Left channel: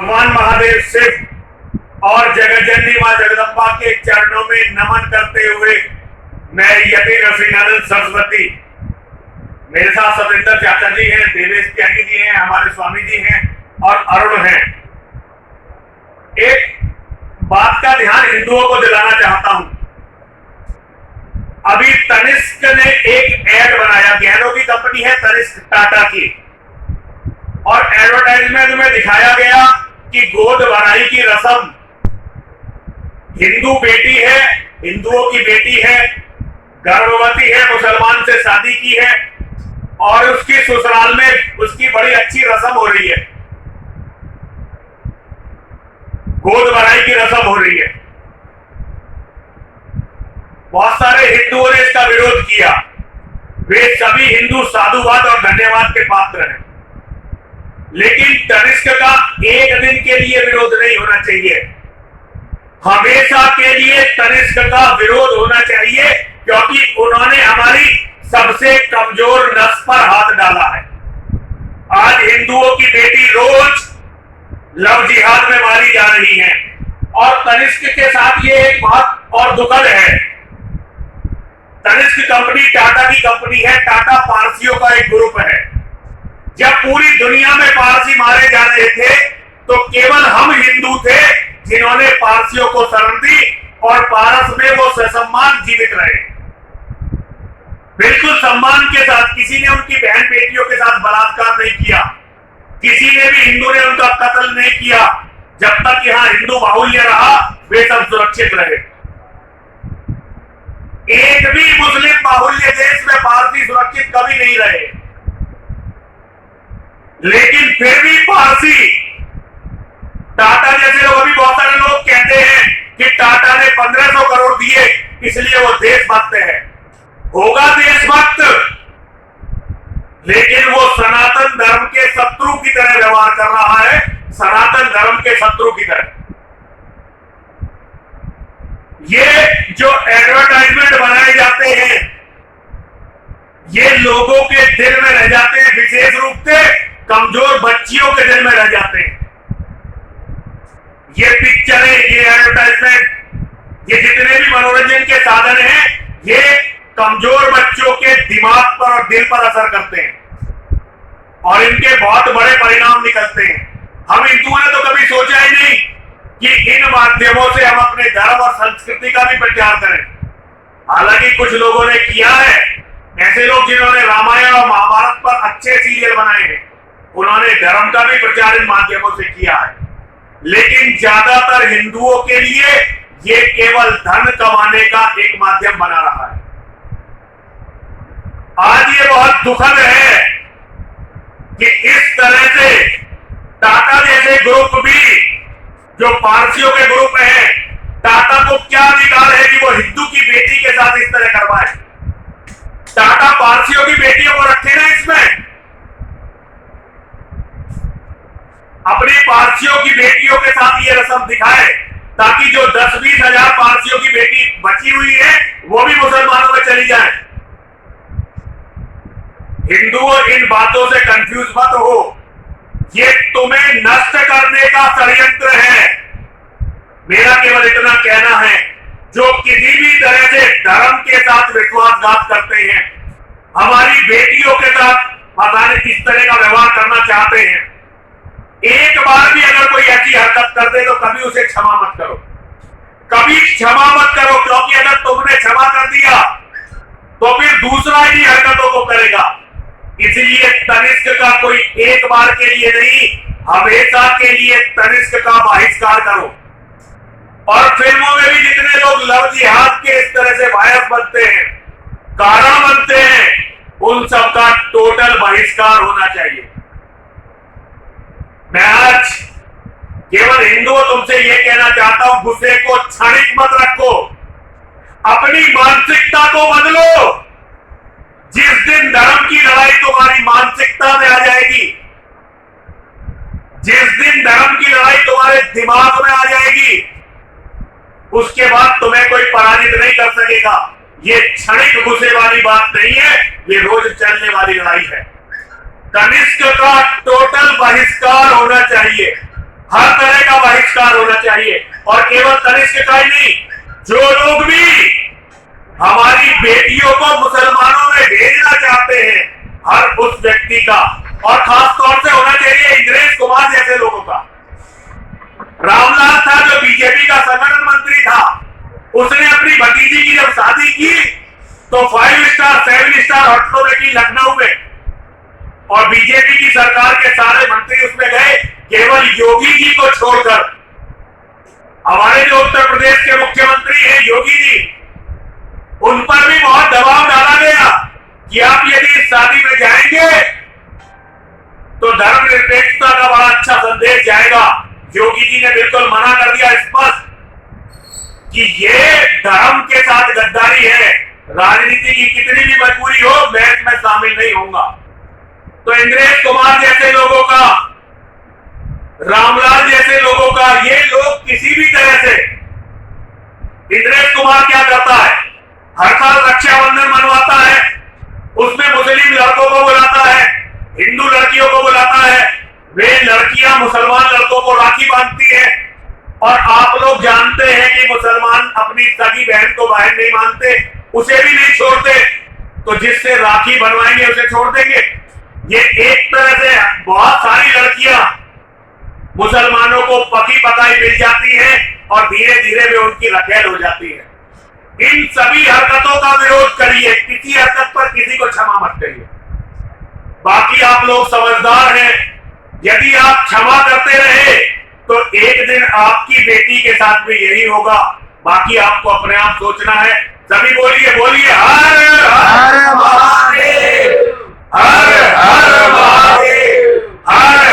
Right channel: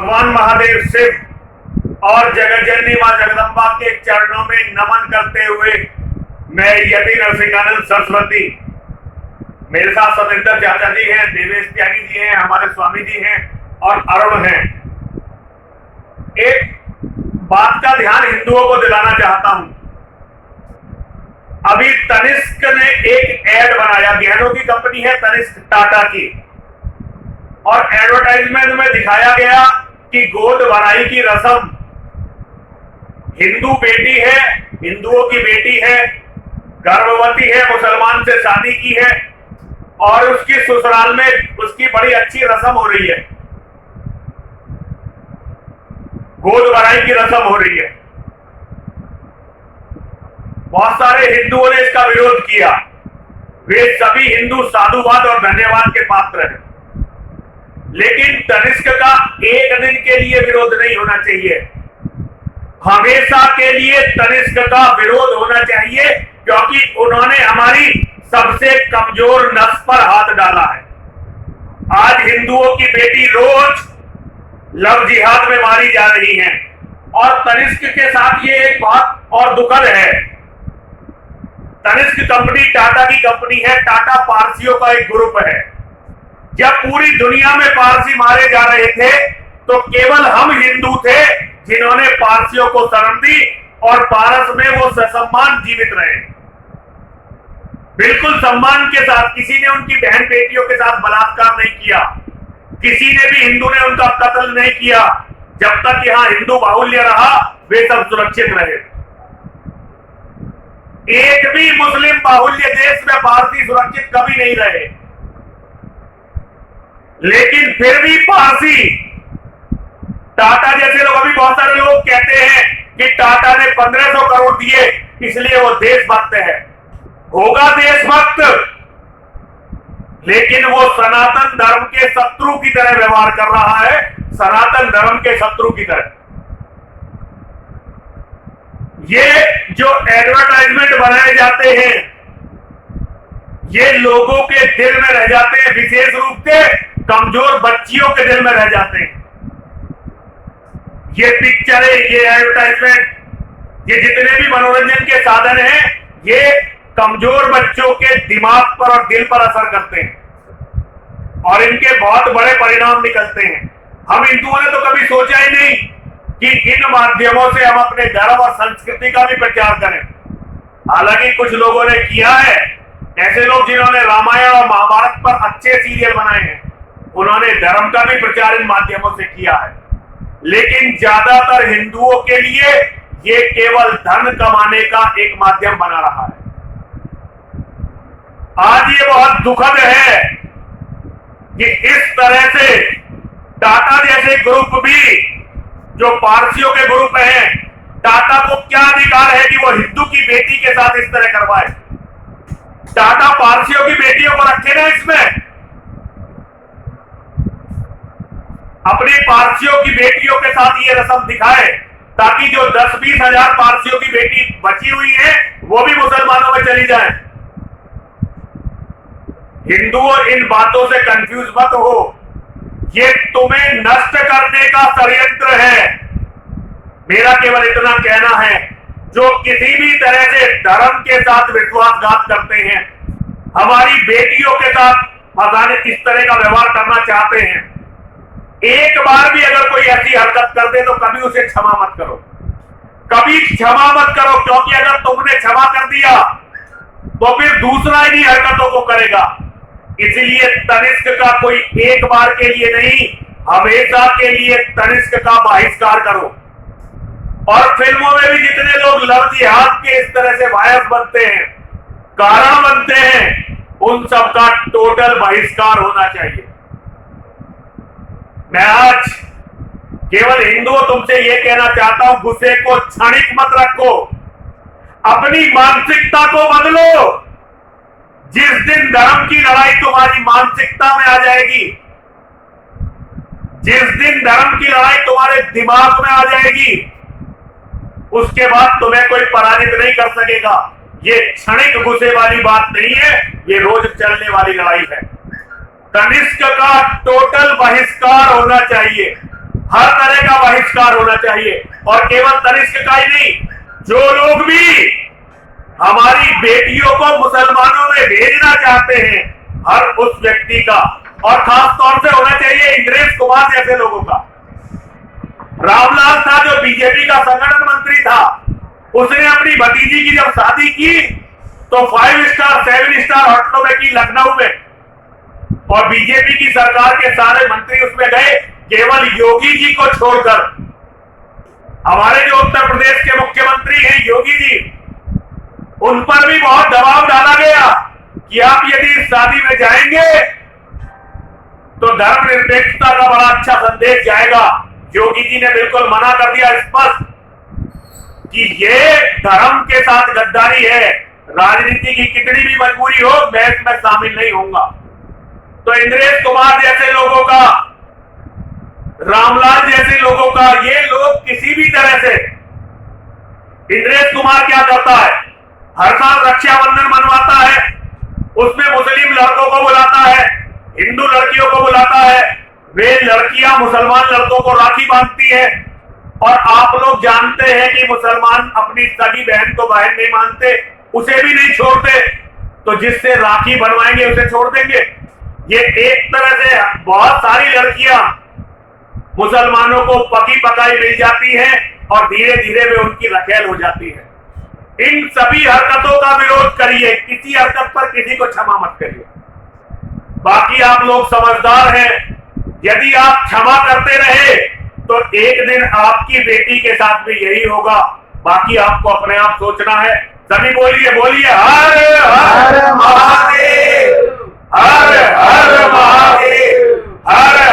भगवान महादेव शिव और जगतजननी मां जगदम्बा के चरणों में नमन करते हुए मैं यति नरसिंहानंद सरस्वती, मेरे साथ सतेंद्र चाचा जी हैं, देवेश त्यागी जी हैं, हमारे स्वामी जी हैं और अरुण हैं। एक बात का ध्यान हिंदुओं को दिलाना चाहता हूं। अभी तनिष्क ने एक एड बनाया, गहनों की कंपनी है तनिष्क टाटा की, और एडवर्टाइजमेंट में दिखाया गया कि गोद भराई की रस्म हिंदू बेटी है, हिंदुओं की बेटी है, गर्भवती है, मुसलमान से शादी की है और उसकी ससुराल में उसकी बड़ी अच्छी रस्म हो रही है, गोद भराई की रस्म हो रही है। बहुत सारे हिंदुओं ने इसका विरोध किया। वे सभी हिंदू साधुवाद और धन्यवाद के पात्र हैं, लेकिन तनिष्क का एक दिन के लिए विरोध नहीं होना चाहिए, हमेशा के लिए तनिष्क का विरोध होना चाहिए, क्योंकि उन्होंने हमारी सबसे कमजोर नस पर हाथ डाला है। आज हिंदुओं की बेटी रोज लव जिहाद में मारी जा रही है और तनिष्क के साथ ये एक बात और दुखद है। तनिष्क कंपनी टाटा की कंपनी है, टाटा पारसियों का एक ग्रुप है। जब पूरी दुनिया में पारसी मारे जा रहे थे तो केवल हम हिंदू थे जिन्होंने पारसियों को शरण दी और पारस में वो ससम्मान जीवित रहे, बिल्कुल सम्मान के साथ। किसी ने उनकी बहन बेटियों के साथ बलात्कार नहीं किया, किसी ने भी हिंदू ने उनका कत्ल नहीं किया। जब तक यहां हिंदू बाहुल्य रहा वे सब सुरक्षित रहे। एक भी मुस्लिम बाहुल्य देश में पारसी सुरक्षित कभी नहीं रहे, लेकिन फिर भी पारसी, टाटा जैसे लोग, अभी बहुत सारे लोग कहते हैं कि टाटा ने 1500 करोड़ दिए इसलिए वो देशभक्त है। होगा देशभक्त, लेकिन वो सनातन धर्म के शत्रु की तरह व्यवहार कर रहा है, सनातन धर्म के शत्रु की तरह। ये जो एडवर्टाइजमेंट बनाए जाते हैं ये लोगों के दिल में रह जाते हैं, विशेष रूप से कमजोर बच्चियों के दिल में रह जाते हैं। ये पिक्चरें, ये एडवर्टाइजमेंट, ये जितने भी मनोरंजन के साधन हैं, ये कमजोर बच्चों के दिमाग पर और दिल पर असर करते हैं और इनके बहुत बड़े परिणाम निकलते हैं। हम हिंदुओं ने तो कभी सोचा ही नहीं कि इन माध्यमों से हम अपने धर्म और संस्कृति का भी प्रचार करें। हालांकि कुछ लोगों ने किया है, ऐसे लोग जिन्होंने रामायण और महाभारत पर अच्छे सीरियल बनाए हैं, उन्होंने धर्म का भी प्रचार इन माध्यमों से किया है। लेकिन ज्यादातर हिंदुओं के लिए ये केवल धन कमाने का एक माध्यम बना रहा है। आज ये बहुत दुखद है कि इस तरह से टाटा जैसे ग्रुप भी, जो पारसियों के ग्रुप हैं, टाटा को क्या अधिकार है कि वो हिंदू की बेटी के साथ इस तरह करवाए? टाटा पारसियों की बेटियों को रखे ना इसमें, अपनी पारसियों की बेटियों के साथ ये रस्म दिखाए, ताकि जो 10-20 हजार पारसियों की बेटी बची हुई है वो भी मुसलमानों में चली जाए। हिंदुओं इन बातों से कंफ्यूज मत हो, ये तुम्हें नष्ट करने का षड्यंत्र है। मेरा केवल इतना कहना है, जो किसी भी तरह से धर्म के साथ विश्वासघात करते हैं, हमारी बेटियों के साथ फसाने इस तरह का व्यवहार करना चाहते हैं, एक बार भी अगर कोई ऐसी हरकत कर दे तो कभी उसे क्षमा मत करो, कभी क्षमा मत करो, क्योंकि अगर तुमने क्षमा कर दिया तो फिर दूसरा इन हरकतों को करेगा। इसलिए तनिष्क का कोई एक बार के लिए नहीं, हमेशा के लिए तनिष्क का बहिष्कार करो। और फिल्मों में भी जितने लोग लव जिहाद के इस तरह से वायस बनते हैं, कारण बनते हैं, उन सबका टोटल बहिष्कार होना चाहिए। मैं आज केवल हिंदुओं तुमसे यह कहना चाहता हूं, गुस्से को क्षणिक मत रखो, अपनी मानसिकता को बदलो। जिस दिन धर्म की लड़ाई तुम्हारी मानसिकता में आ जाएगी, जिस दिन धर्म की लड़ाई तुम्हारे दिमाग में आ जाएगी, उसके बाद तुम्हें कोई पराजित नहीं कर सकेगा। ये क्षणिक गुस्से वाली बात नहीं है, ये रोज चलने वाली लड़ाई है। तनिष्क का टोटल बहिष्कार होना चाहिए, हर तरह का बहिष्कार होना चाहिए। और केवल तनिष्क का ही नहीं, जो लोग भी हमारी बेटियों को मुसलमानों में भेजना चाहते हैं, हर उस व्यक्ति का, और खास तौर से होना चाहिए इंद्रेश कुमार जैसे लोगों का। रामलाल था जो बीजेपी का संगठन मंत्री था, उसने अपनी भतीजी की जब शादी की तो 5 स्टार 7 स्टार होटलों में की लखनऊ में, और बीजेपी की सरकार के सारे मंत्री उसमें गए, केवल योगी जी को छोड़कर। हमारे जो उत्तर प्रदेश के मुख्यमंत्री हैं योगी जी, उन पर भी बहुत दबाव डाला गया कि आप यदि इस शादी में जाएंगे तो धर्मनिरपेक्षता का बड़ा अच्छा संदेश जाएगा। योगी जी ने बिल्कुल मना कर दिया स्पष्ट कि ये धर्म के साथ गद्दारी है, राजनीति की कितनी भी मजबूरी हो मैं इसमें शामिल नहीं होऊंगा। तो इंद्रेश कुमार जैसे लोगों का, रामलाल जैसे लोगों का, ये लोग किसी भी तरह से, इंद्रेश कुमार क्या करता है, हर साल रक्षाबंधन मनवाता है, उसमें मुस्लिम लड़कों को बुलाता है, हिंदू लड़कियों को बुलाता है, वे लड़कियां मुसलमान लड़कों को राखी बांधती हैं। और आप लोग जानते हैं कि मुसलमान अपनी सगी बहन को बहन नहीं मानते, उसे भी नहीं छोड़ते, तो जिससे राखी बनवाएंगे उसे छोड़ देंगे। ये एक तरह से बहुत सारी लड़कियां मुसलमानों को पकी पकाई मिल जाती हैं और धीरे धीरे वे उनकी रखेल हो जाती है। इन सभी हरकतों का विरोध करिए, किसी हरकत पर किसी को क्षमा मत करिए। बाकी आप लोग समझदार हैं, यदि आप क्षमा करते रहे तो एक दिन आपकी बेटी के साथ भी यही होगा। बाकी आपको अपने आप सोचना है। सभी बोलिए बोलिए हर हर महादेव, हर हर महादेव, हर